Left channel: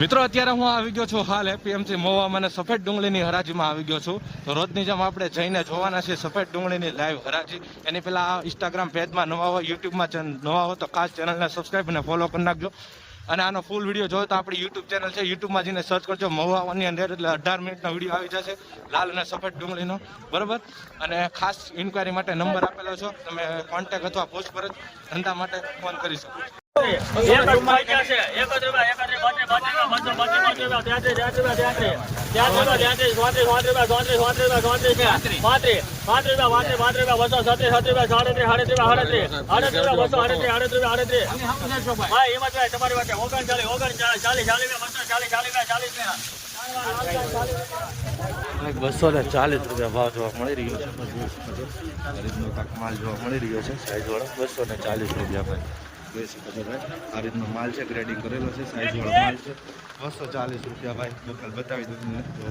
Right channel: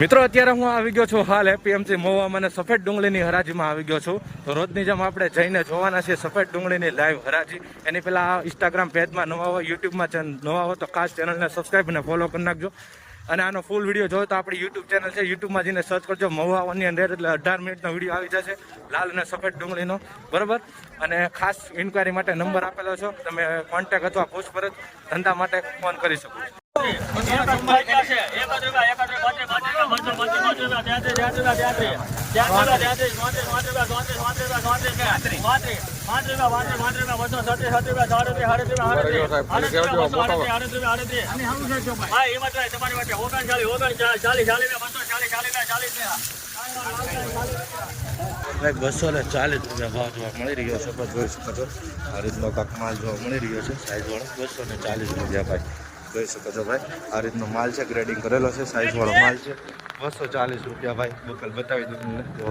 મિત્રો અત્યારે હું આવી ગયો છું હાલ એપીએમસી મહુવા અને સફેદ ડુંગળીની હરાજીમાં આવી ગયો છું. તો રોજની જેમ આપણે જઈને જોવાના છીએ સફેદ ડુંગળીની લાઈવ હરાજી. એની પહેલા ઇન્સ્ટાગ્રામ પેજમાં નવા હોય, યુટ્યુબમાં નવા હોય તો ખાસ ચેનલને સબસ્ક્રાઈબ અને ફોલો કરી નાખજો. અને આનો ફૂલ વિડીયો જોયો તો આપણી યુટ્યુબ ચેનલ છે, યુટ્યુબમાં જઈને સર્ચ કરજો મહુવાની અંદર, એટલે 18 મિનિટનો વિડીયો આવી જશે લાલ અને સફેદ ડુંગળીનો, બરાબર. અને ખાસ ઇન્ક્વાયરી માટે નંબર આપેલો છો, તમે કોન્ટેક અથવા પૂછપરછ ધંધા માટે ફોન કરી શકો છો. ભાઈ 240 રૂપિયા ભાવ જોવા મળી રહ્યો છે, તો જોઈ શકો છો આ રીતનો કાંક માલ જોવા મળી રહ્યો છે સાઈઝ વાળો. 240 રૂપિયા ભાઈ જોઈ શકો છો ભાઈ. આ રીતનો માલ છે, ગ્રેડિંગ કરેલો છે, સાઈઝ વાળો માલ છે. 240 રૂપિયા ભાઈ. બોટલ બતાવી દઉં જો